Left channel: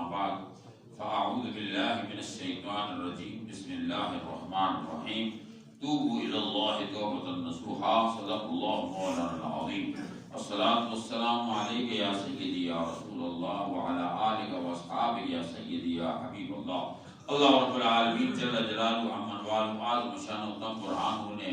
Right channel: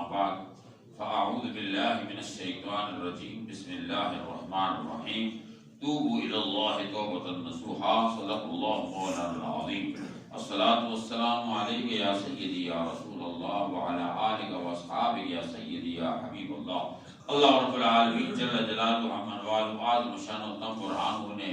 أما بعد فأعوذ بالله من الشيطان الرجيم بسم الله الرحمن الرحيم توبوا إلى الله توبة نصوحا صدق الله مولانا العظيم الصلاة والسلام عليك يا سيدي يا رسول الله وعلى آلك وأصحابك يا سيدي يا حبيب الله اللہ رب العالمین جل جلالہ عمن والہ اعظم شان و تم برہانہ نے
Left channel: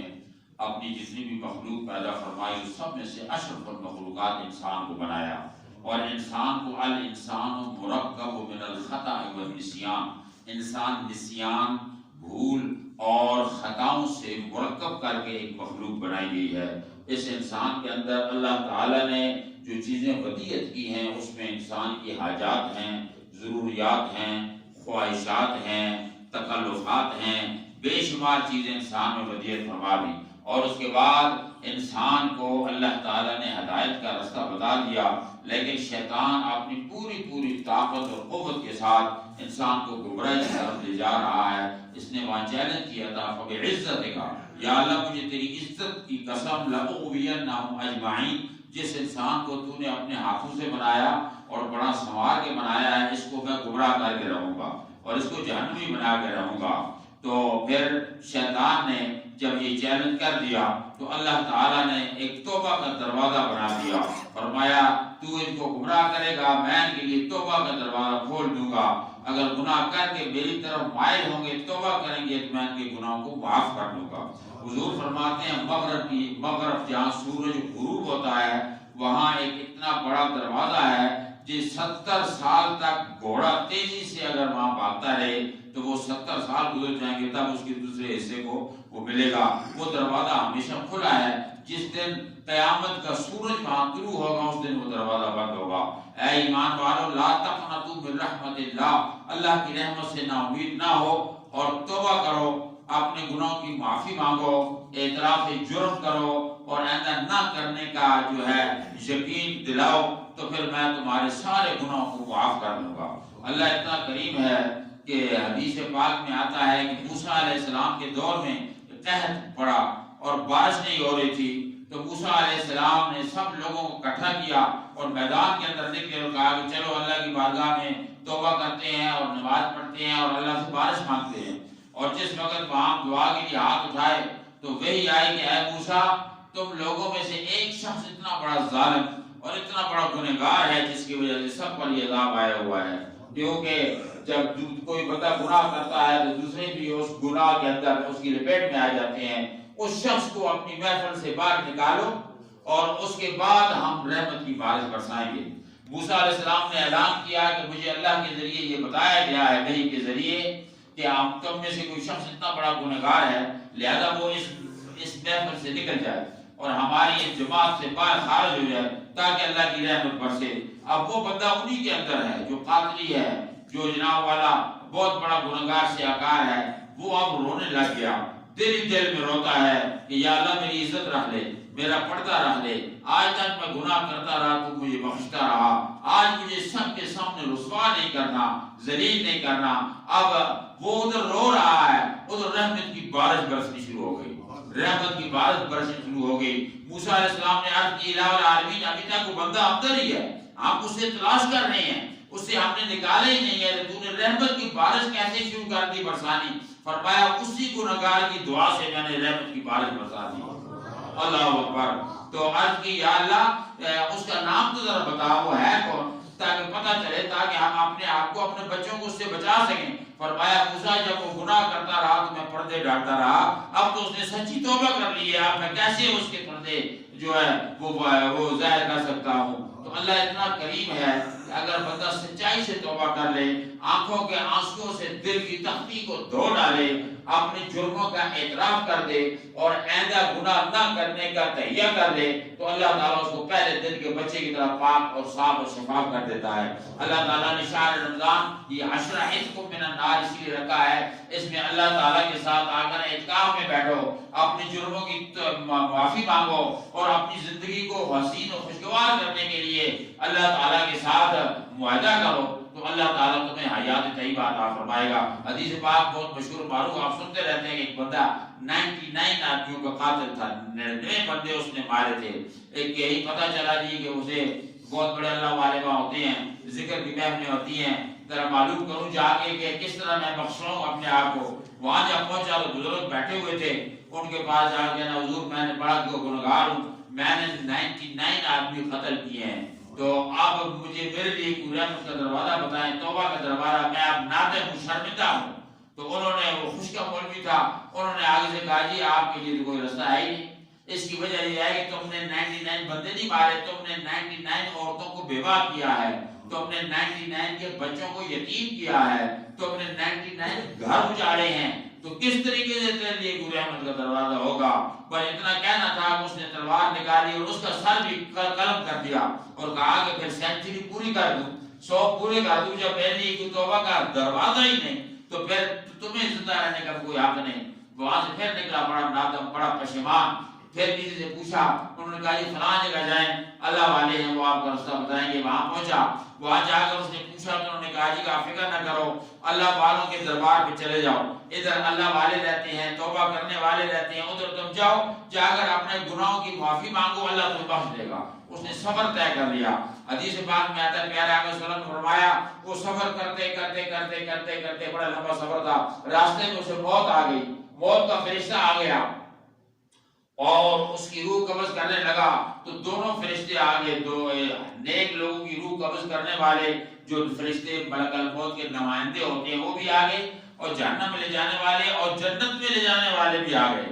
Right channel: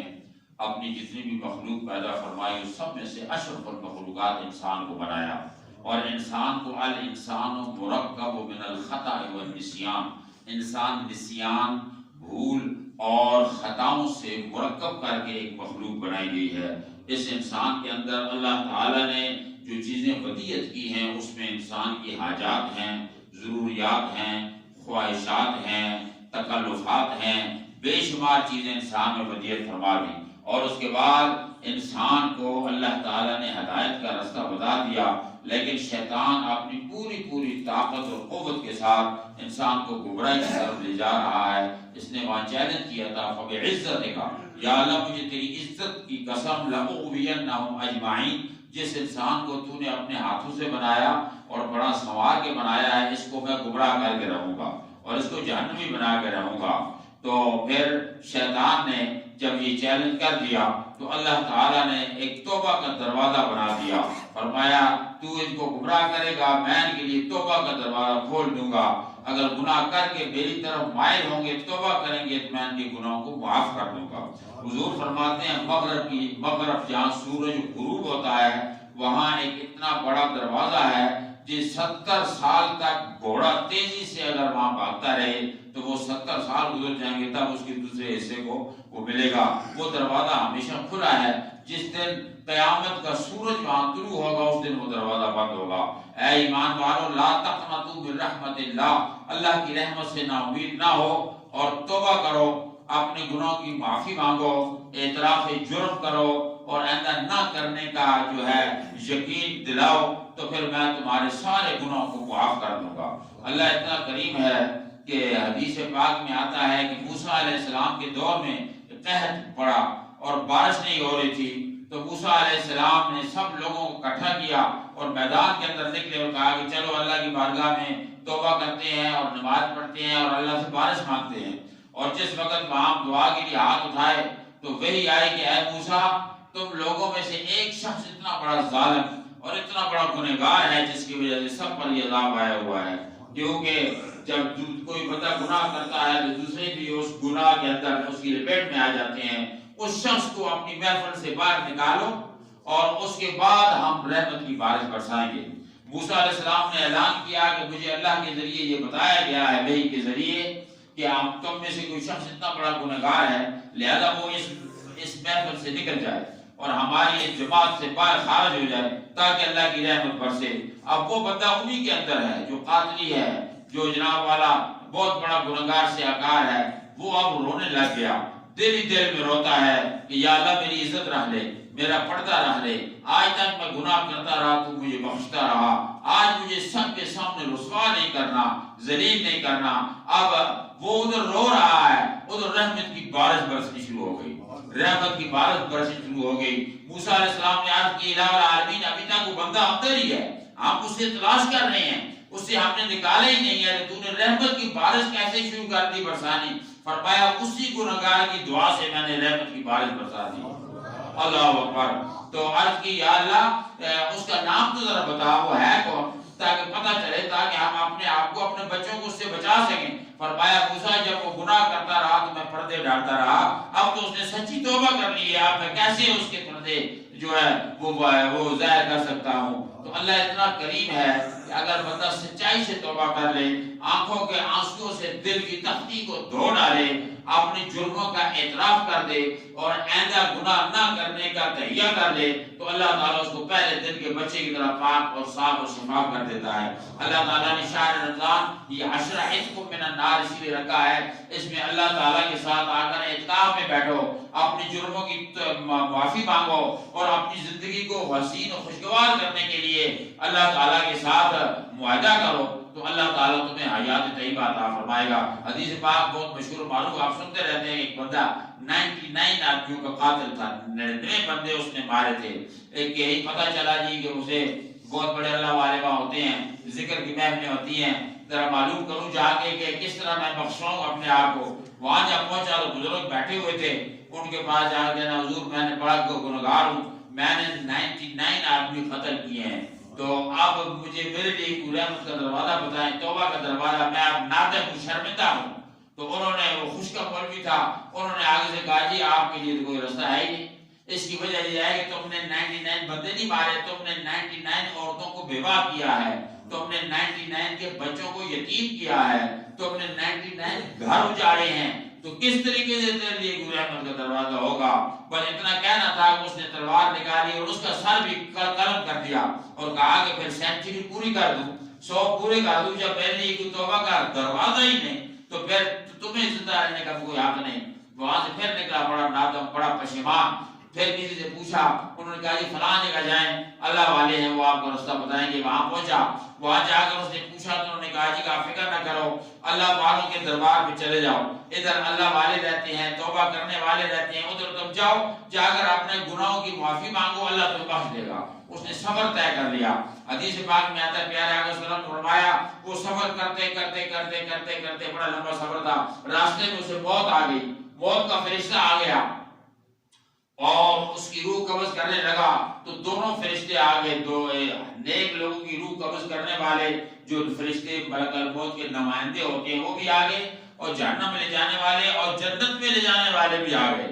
اپنی جتنی بھی مخلوق پیدا فرمائی اس سب میں سے اشرف المخلوقات انسان کو بنایا اور انسان کو الانسان مرکب من الخطأ والنسیان انسان نسیان بھول اور خطاؤں سے مرکب کر کے ایک مخلوق بنائی گئی ہے۔ اس انسان کے اندر اللہ تعالیٰ نے جو چیزیں ودیعت کی ہیں اس میں انسان کی حاجات ہیں، ضروریات ہیں، خواہشات ہیں، تکلفات ہیں، بے شمار چیزیں انسان میں ودیعت فرما دی اور اس کے بعد انسان کو اللہ تعالیٰ نے ہدایت کا رستہ بتا دیا، لیکن شیطان اپنی پوری طاقت اور قوت کے ساتھ انسان کو گمراہی کی طرف لے جا رہا ہے۔ اس نے وہاں چیلنج کیا تھا فبعزتک یا اللہ مجھے تیری عزت کی قسم لأغوینہم اجمعین، جس انسان کو تو نے اپنے ہاتھوں سے بنایا اور بڑا سنوار کے بنایا ہے اس کو میں گمراہ کر کے رہوں گا اور اس کو جہنمی بنا کے رہوں گا۔ تو پھر شیطان نے جب یہ چیلنج کر دیا تو اللہ تعالیٰ نے ایک توبہ کا دروازہ بنا دیا، فرمایا تو ان کو گمراہ کرے گا میں ان کے لیے توبہ کا دروازہ کھول دوں گا، اگر گناہ کر کے میری طرف مائل ہوں گے توبہ کریں گے تو میں ان کے گناہوں کو معاف کر دوں گا۔ حضور فرماتے ہیں مغرب جہاں سورج غروب ہوتا ہے وہاں ایک اتنا بڑا دروازہ ہے جس 70 سال تک گھوڑا تیزی سے اگر وہاں بھاگتا رہے تو وہ 70 سال گزر جائیں گے تب اس کے دوسرے حصے کو وہ ملے گا۔ وہ دروازہ ہمیشہ کھلا ہے، جس دن قیامت کا سورج وہاں طلوع ہوگا اس دن وہ دروازہ بند ہوگا۔ اے ایمان والو لا تقنطوا من رحمت اللہ، اللہ کی رحمت سے نا امید نہ ہو اور توبہ کرو، اپنے گناہوں کی معافی مانگو، اعتراف جرم کرو اور آئندہ نہ کرنے کا جو ہے یقین دلاؤ تو پھر میں تمہارے سارے گناہوں کو معاف کر دوں گا۔ اللہ اتنا کریم ہے کہ حدیث پاک میں آتا ہے کہ موسیٰ علیہ السلام کے دور میں قحط پڑا اور بارش نہیں ہو رہی تھی تو موسیٰ علیہ السلام نے سب لوگوں کو اکٹھا کیا اور میدان کے اندر نکلے اور کہا کہ چلو اللہ کی بارگاہ میں توبہ کرتے ہیں اور نماز پڑھتے ہیں اور اللہ سے بارش مانگتے ہیں۔ اور جس وقت وہاں دعا کے لیے ہاتھ اٹھائے تو وہی آئی کہ اے موسیٰ تم لوگوں میں سے ایک شخص اتنا بڑا ظالم اور اتنا بڑا گنہگار ہے جس کی وجہ سے سب پر یہ عذاب آیا ہوا ہے، کیونکہ جب کوئی بندہ گناہ کرتا ہے تو دوسرے بھی اس گناہ کے اندر اس کی لپیٹ میں آ جاتے ہیں۔ اس شخص کو اپنی محفل سے باہر نکالو اور اس کے بعد ہم رحمت کی بارش برسائیں گے۔ موسیٰ علیہ السلام نے اعلان کیا کہ مجھے اللہ کے ذریعے یہ بتایا گیا ہے وحی کے ذریعے کہ آپ تم میں سے کوئی شخص اتنا بڑا گنہگار ہے لہذا وہ اس محفل سے نکل جائے اور ہماری اس جماعت سے باہر خارج ہو جائے تاکہ اللہ کی رحمت برسے۔ اب وہ بندہ انہی کے اندر ہے جو قاتلی ہے، جو جناب والا بہت بڑا گنہگار سے آکار ہے، وہ اب رونے لگ گیا، دل ہی دل میں روتا ہے کہ یا اللہ میری عزت رکھ لے، میرا پردہ رکھ لے، آج تک میں گناہ کرتا رہا تو مجھے بخشتا رہا، آج مجھے سب کے سامنے رسوا نہیں کرنا، ذلیل نہیں کرنا۔ اب وہ ادھر رو رہا ہے، ادھر رحمت کی بارش برسنی شروع ہو گئی، رحمت کی بارش برسنی شروع ہو گئی۔ موسیٰ علیہ السلام نے عرض کی الہ العالمین ابھی تک وہ بندہ اندر ہی ہے، ہم اسے تلاش کر رہے ہیں، اسے ہم نے نکالا ہی نہیں ہے، تو نے رحمت کی بارش کیسے شروع کر دی برسانی؟ فرمایا اسی گنہگار کی دعا سے میں نے رحمت کی بارش برسا دی۔ اللہ اکبر۔ تو عرض کی یا اللہ اس کا نام تو ذرا بتا وہ ہے کون تاکہ پتہ چلے تاکہ ہم اپنے آپ کو اپنے بچوں کو اس سے بچا سکیں۔ فرمایا موسیٰ جب وہ گناہ کرتا رہا تو میں پردے ڈالتا رہا، اب تو اس نے سچی توبہ کر لی ہے، اب میں کیسے اس کے پردے جو ہے وہ ظاہر کر سکتا ہوں؟ تو اللہ اتنا کریم ہے کہ اگر بندہ سچائی سے توبہ کر لے، آنکھوں کے آنسوؤں سے دل کی تختی کو دھو ڈالے، اپنی جرموں کا اعتراف کر دے اور آئندہ گناہ نہ کرنے کا تہیہ کر لے تو اللہ تعالیٰ اس کو پہلے دن کے بچے کی طرح پاک اور صاف اور شفاف کر دیتا ہے۔ اللہ تعالیٰ نے شہر رمضان یہ عشرہ عتق من النار اس لیے رکھا ہے، اس میں اللہ تعالیٰ کے ساتھ آ کر اعتکاف میں بیٹھو، اپنی جرموں کی معافی مانگو اور اپنی زندگی کو حسین و خوشگوار کرنے کے لیے اللہ تعالیٰ کے ساتھ معاہدہ کرو تو اللہ تعالیٰ تمہیں حیات طیبہ عطا فرمائے گا۔ حدیث پاک بہت مشہور معروف آپ سنتے رہتے ہیں کہ ایک بندہ 99 آدمیوں کا قاتل تھا، 99 بندے اس نے مارے تھے، ایک یہی پتہ چلا جی کہ اسے بہت بڑے اللہ والے وہاں ہوتے ہیں، ذکر کی محفلیں ہوتی ہیں، ذرا معلوم کروں جا کے کہ کس طرح میں بخشواؤں اپنے آپ کو۔ وہاں جب پہنچا تو بزرگ بیٹھے ہوئے تھے، ان کے پاس جا کے نا حضور میں نے پڑھا کہ گنہگار ہوں، میں نے 99 آدمی قتل کیے ہیں، تو اب مجھے میرے لیے کوئی رحمت کا دروازہ بتائیں، توبہ کا دروازہ، میں اب نادم ہوں، شرمندہ ہوں۔ تو انہوں نے، وہ خوش کا مولوی تھا، انہوں نے آگے سے کہا جی آپ کے لیے تو کوئی رستہ ہے ہی نہیں، اس کی وجہ یہ ہے کہ تم نے 99 بندے نہیں مارے، تم نے 99 عورتوں کو بیوہ کیا ہے، تم نے 99 کے بچوں کو یتیم کیا ہے، تم نے 99 گھر اجاڑے ہیں، تو کس طریقے سے تیرے لیے کوئی رحمت کا دروازہ ہوگا؟ بس اتنا کہنا تھا کہ اس نے تلوار نکالی اور اس کا سر بھی قلم کر دیا اور کہا کہ پھر سینچری پوری کر دوں، 100 پورے کر دوں، جب میرے لیے کوئی توبہ کا دروازہ ہی نہیں تو پھر تمہیں زندہ رہنے کا کوئی حق نہیں۔ وہاں سے پھر نکلا بڑا نادم، بڑا پشیمان۔ پھر کسی سے پوچھا، انہوں نے کہا جی فلاں جگہ جائیں، اللہ والے ہیں وہ آپ کا رستہ بتائیں گے۔ وہاں پہنچا، وہاں جا کر اس نے پوچھا تو انہوں نے کہا جی آپ فکر نہ کرو، اللہ والوں کے دربار پہ چلے جاؤ، ادھر اللہ والے رہتے ہیں، توبہ کرنے والے رہتے ہیں، ادھر تم جاؤ، جا کر اپنے گناہوں کی معافی مانگو، اللہ تمہیں بخش دے گا۔ اس نے سفر طے کر لیا۔ حدیث پاک میں آتا ہے، پیارے آقا صلی اللہ علیہ وسلم نے فرمایا وہ سفر کرتے کرتے کرتے کرتے کرتے، بڑا لمبا سفر تھا، راستے میں اسے موت آ گئی، موت کا فرشتہ آ گیا اور اس کی روح قبض کرنے لگا، تو دونوں فرشتے آگے، دو نیک لوگوں کی روح قبض کرنے والے جو فرشتے ملک الموت کے نمائندے ہوتے ہیں وہ بھی آگے، اور جہنم میں لے جانے والے اور جنت میں لے جانے والے بھی آگئے۔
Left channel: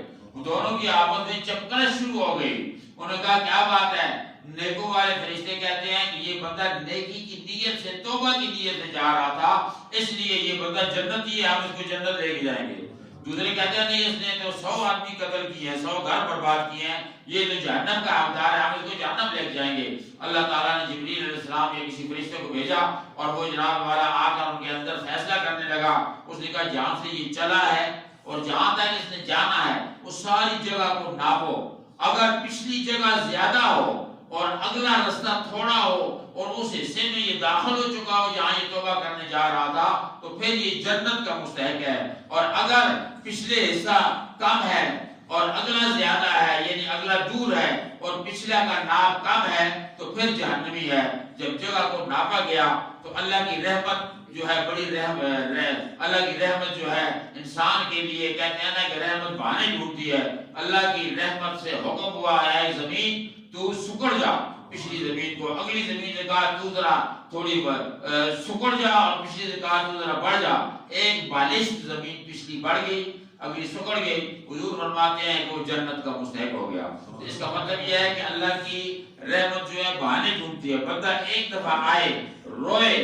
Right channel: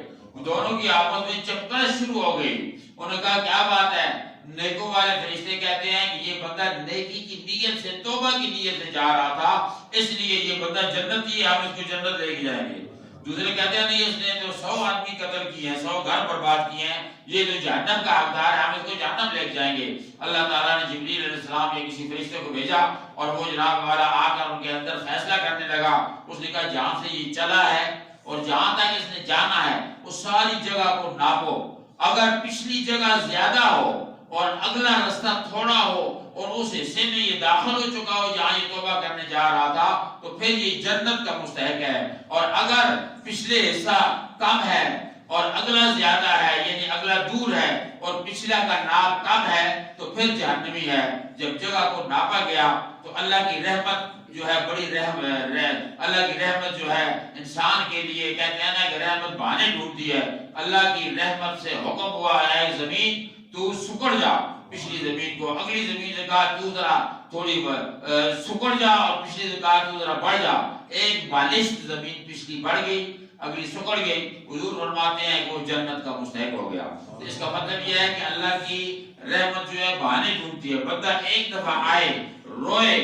دونوں کی آپس میں چپکرش شروع ہو گئی۔ انہوں نے کہا کیا بات ہے؟ نیکوں والے فرشتے کہتے ہیں کہ یہ بندہ نیکی کی نیت سے، توبہ کی نیت سے جا رہا تھا، اس لیے یہ بندہ جنتی ہے، ہم اس کو جنت لے کے جائیں گے۔ دوسرے کہتے ہیں نہیں، اس نے تو 100 آدمی قتل کیے ہیں، 100 گھر برباد کیے ہیں، یہ تو جہنم کا حقدار ہے، ہم اس کو جہنم لے کے جائیں گے۔ اللہ تعالیٰ نے جبریل علیہ السلام یا کسی فرشتے کو بھیجا اور وہ جناب والا آ کر ان کے اندر فیصلہ کرنے لگا۔ اس نے کہا جہاں سے یہ چلا ہے اور جہاں تک اس نے جانا ہے اس ساری جگہ کو ناپو، اگر پچھلی جگہ زیادہ ہو اور اگلا رستہ تھوڑا ہو اور اس حصے میں یہ داخل ہو چکا ہو جہاں یہ توبہ کرنے جا رہا تھا تو پھر یہ جنت کا مستحق ہے، اور اگر پچھلے حصہ کم ہے اور اگلا زیادہ ہے، یعنی اگلا دور ہے اور پچھلا کا ناپ کم ہے تو پھر جہنمی ہے۔ جب جگہ کو ناپا گیا تو اللہ کی رحمت جو ہے بڑی اللہ کی رحمت جو ہے انسان کے لیے، کہتے ہیں نا کہ رحمت بہانے ڈھونڈتی ہے، اللہ کی رحمت سے حکم ہوا ہے زمین تو سکڑ جا، پچھلی زمین کو اگلی زمین سے کہا تو ذرا تھوڑی سکڑ جا، اور پچھلی سے کہا تو ذرا بڑھ جا، ایک بالشت زمین پچھلی بڑھ گئی اگلی سکڑ گئی۔ حضور فرماتے ہیں کہ وہ جنت کا مستحق ہو گیا۔ اس کا مطلب یہ ہے کہ اللہ کی رحمت جو ہے بہانے ڈھونڈتی ہے، بندہ ایک دفعہ آئے، روئے،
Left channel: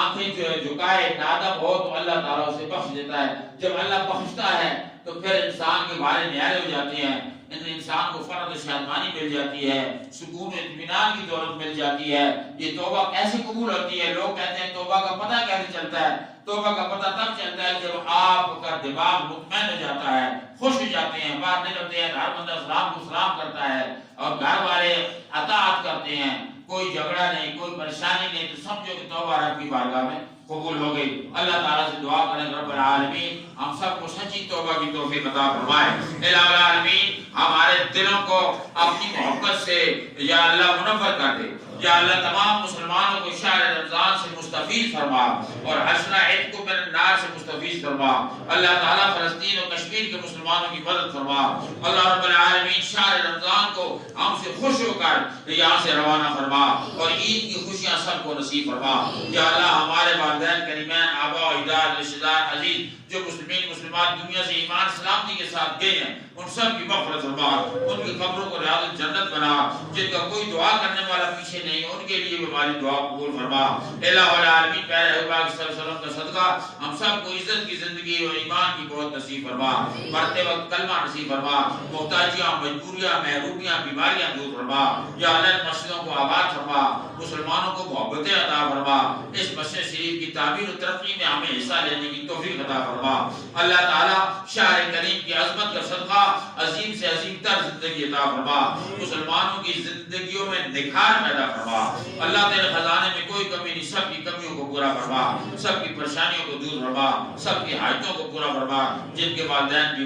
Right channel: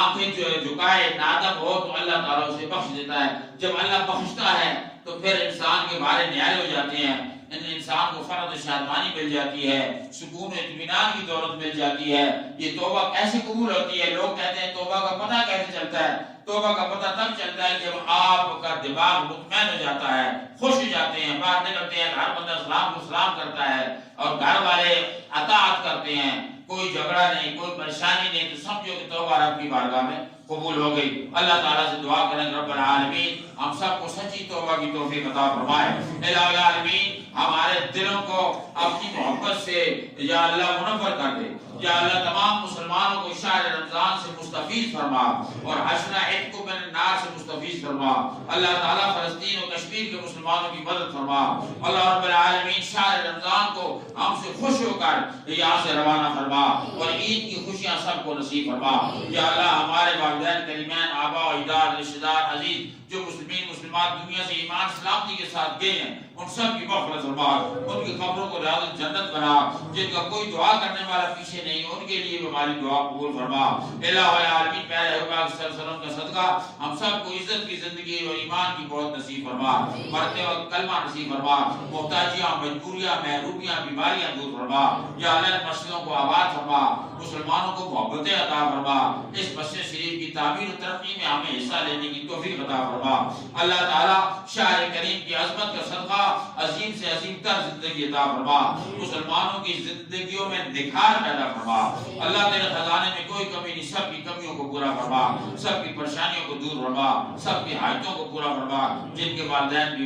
آنکھیں جو ہے جھکائے، نادم ہو تو اللہ تعالیٰ اسے بخش دیتا ہے۔ جب اللہ بخشتا ہے تو پھر انسان کے بارے نہایت ہو جاتے ہیں، انسان کو فرد و شادمانی مل جاتی ہے، سکون و اطمینان کی دولت مل جاتی ہے۔ یہ توبہ کیسے قبول ہوتی ہے؟ لوگ کہتے ہیں توبہ کا پتہ کیسے چلتا ہے؟ توبہ کا پتہ تب چلتا ہے جب آپ کا دماغ مطمئن ہو جاتا ہے، خوش ہو جاتے ہیں، باہر نکلتے ہیں، ہر بندہ سلام کو سلام کرتا ہے اور گھر والے اطاعت کرتے ہیں، کوئی جھگڑا نہیں، کوئی پریشانی نہیں، تو سمجھو کہ توبہ رب کی بارگاہ میں قبول ہو گئی۔ اللہ تعالیٰ سے دعا کریں رب العالمین ہم سب کو سچی توبہ کی توفیق عطا فرمائے۔ الہ العالمین ہمارے دلوں کو اپنی محبت سے یا اللہ منور کر دے، یا اللہ تمام مسلمانوں کو شہر رمضان سے مستفید فرما اور حشر عید کو من النار سے مستفید فرما۔ اللہ تعالیٰ فلسطین و کشمیر کے مسلمانوں کی مدد فرما۔ اللہ رب العالمین شہر رمضان کو ہم سے خوش ہو کر یہاں سے روانہ فرما اور عید کی خوشیاں سب کو نصیب فرما۔ یا اللہ ہمارے والدین کریمین، آبا و اجداد، رشتہ دار، عزیز جو مسلمان دنیا سے ایمان سلامتی کے ساتھ گئے ہیں ان سب کی مغفرت فرما، ان کی قبروں کو ریاض جنت بنا، جن کا کوئی دعا کرنے والا پیچھے نہیں ان کے لیے بھی ہماری دعا قبول فرما۔ الہ العالمین پیارے حبیب صلی اللہ علیہ وسلم کا صدقہ ہم سب کو عزت کی زندگی اور ایمان کی بہت نصیب فرما، مرتے وقت کلمہ نصیب فرما، محتاجیاں، مجبوریاں، محرومیاں، بیماریاں دور فرما۔ یا اللہ مسجدوں کو آباد فرما، مسلمانوں کو محبتیں عطا فرما، اس مسجد شریف کی تعمیر و ترقی میں ہمیں حصہ لینے کی توفیق عطا فرما۔ اللہ تعالیٰ شاہ کریم کی عظمت کا صدقہ عظیم سے عظیم تر زندگی عطا فرما، مسلمانوں کی زندگیوں میں نکھار پیدا فرما۔ اللہ تیرے خزانے میں کوئی کمی نہیں، سب کی کمیوں کو پورا فرما، سب کی پریشانیوں کو دور فرما، سب کی حاجتوں کو پورا فرما، جن کے والدین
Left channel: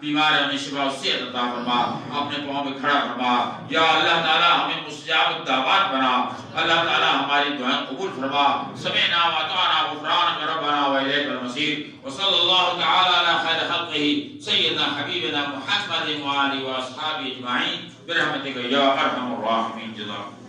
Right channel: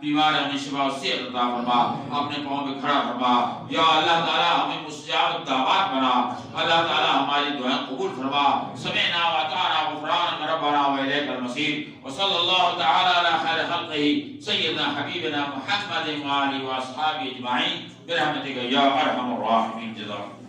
بیمار ہیں انہیں شفا و صحت عطا فرما، اپنے پاؤں پہ کھڑا فرما یا اللہ تعالی ہمیں مستجاب الدعوات بنا، اللہ تعالی ہماری دعائیں قبول فرما، سمعنا واطعنا غفرانک ربنا والیک المصیر، وصلی اللہ تعالی علی خیر خلقہ سیدنا حبیبنا محمد وآلہ واصحابہ اجمعین برحمتک یا ارحم الراحمین. جزاکم